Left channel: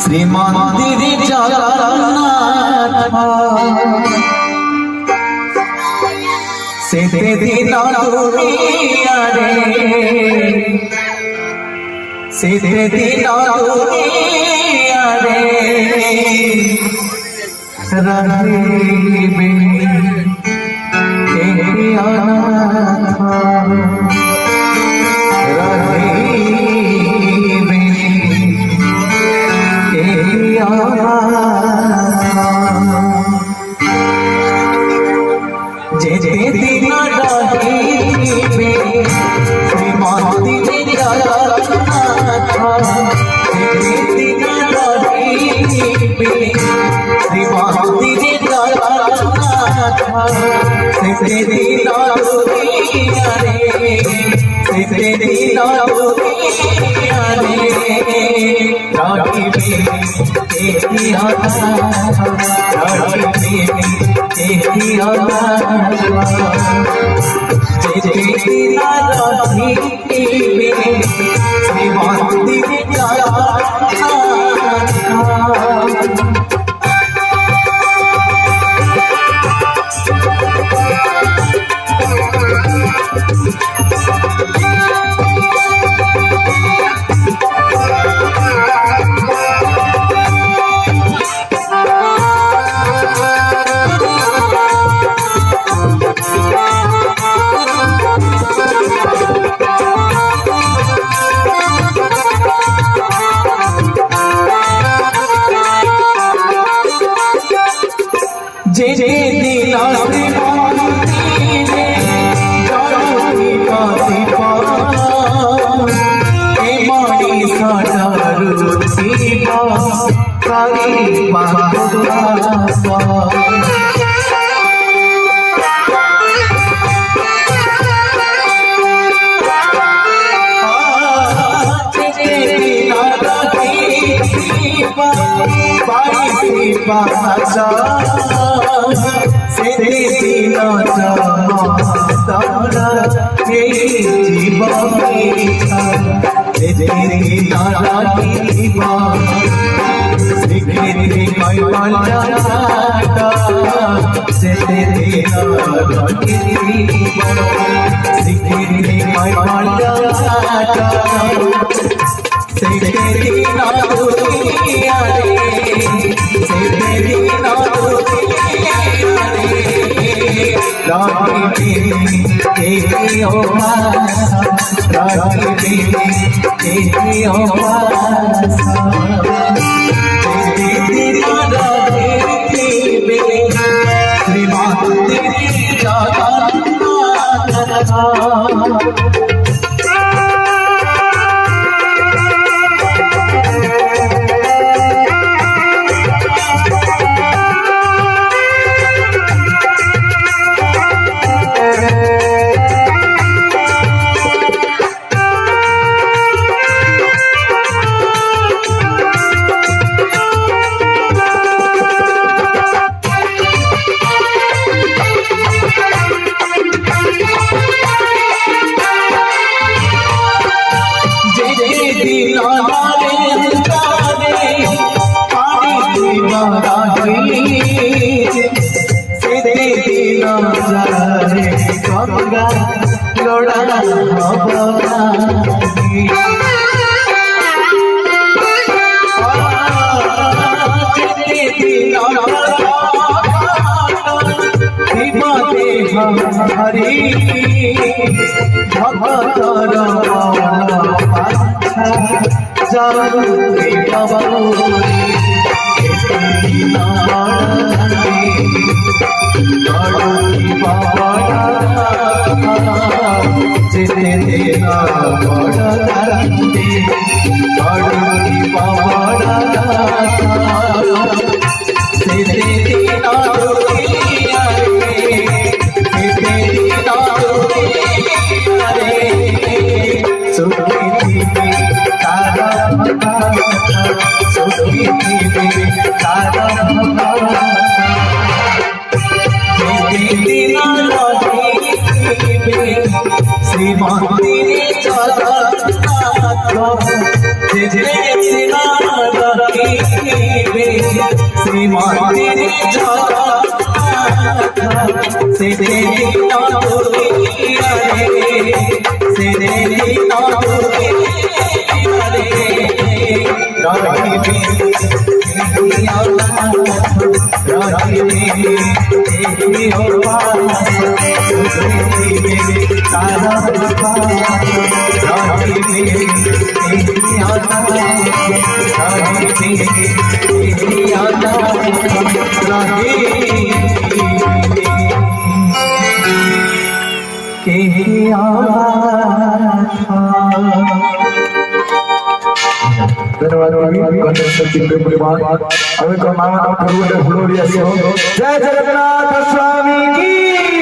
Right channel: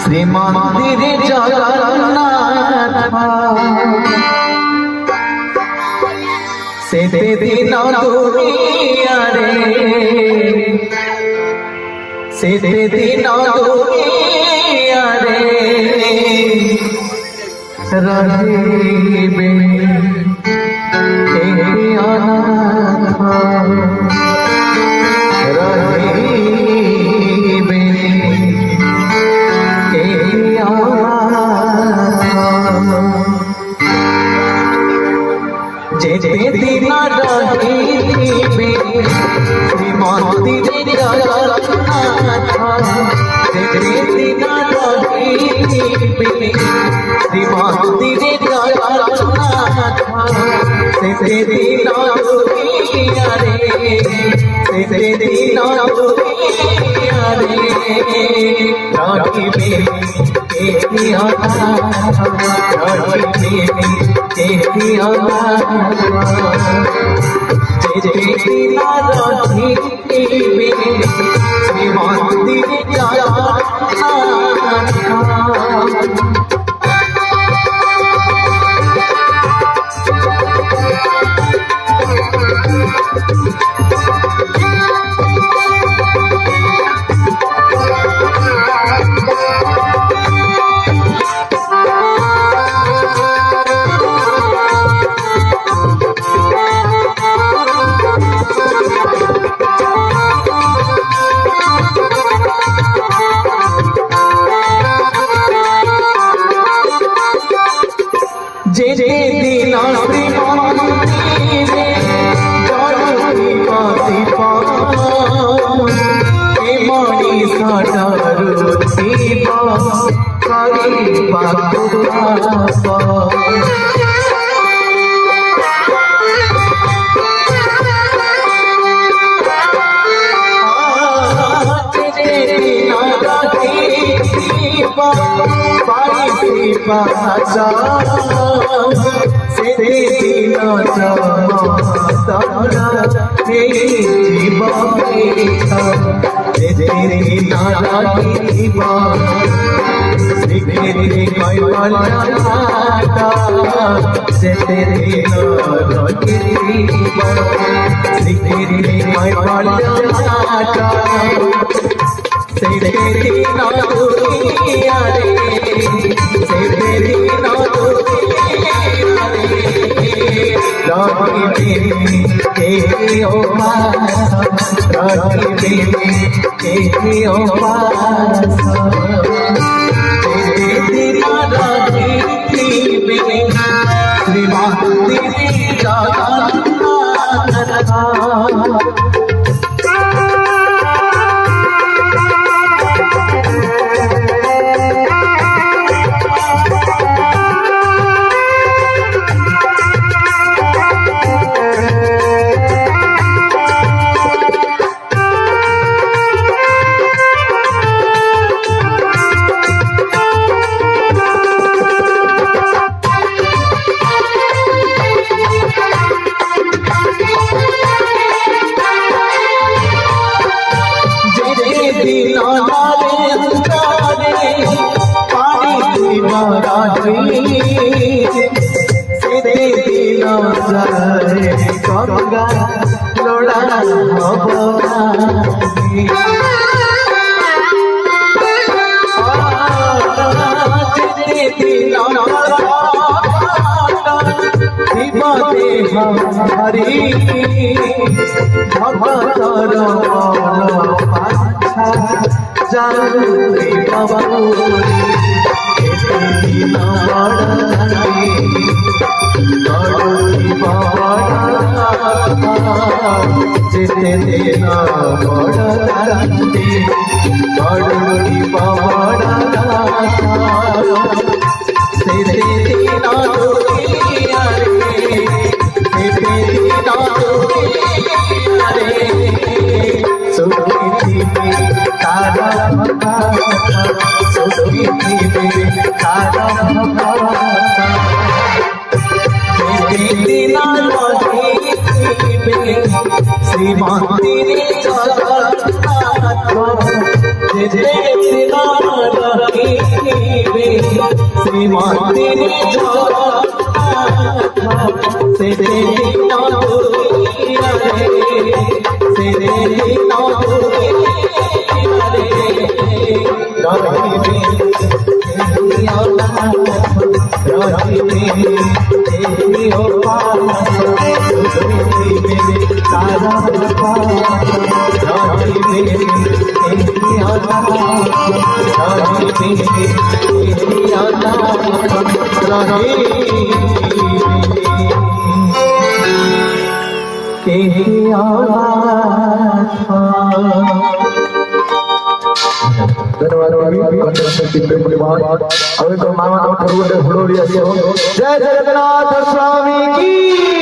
শ্রীমন্দির জগন্নাথ সেতে দিন দুনিয়ারে সেতে দিন দুনিয়ারে রহিবে কে অনাথ যেতে দিন রহিবে শ্রীমন্দিরে জগন্নাথ যেতে দিন রহিবে শ্রীমন্দিরে জগন্নাথ সেতে দিন দুনিয়ারে সেতে দিন দুনিয়ারে রহিবে কে অনাথ শ্রীমন্দিরে যে দিন শ্রীমন্দিরে জড়ি পতি এ মণি সরুতি করিবা সেতে দিন হরি ভগতর পাছা জানুরি বাবুরি যেতে দিন বড় দান্তি বড়ি বাবা সেতে দিন শ্রীমন্দিরে জগন্নাথ যেতে গেছে না রাখিবে শ্রীমন্দিরে যাওয়া সে দেখিনা বলিয়া রে সে দেখিনা বলিয়া রে রাখিবে जय जगन्नाथ स्वामी की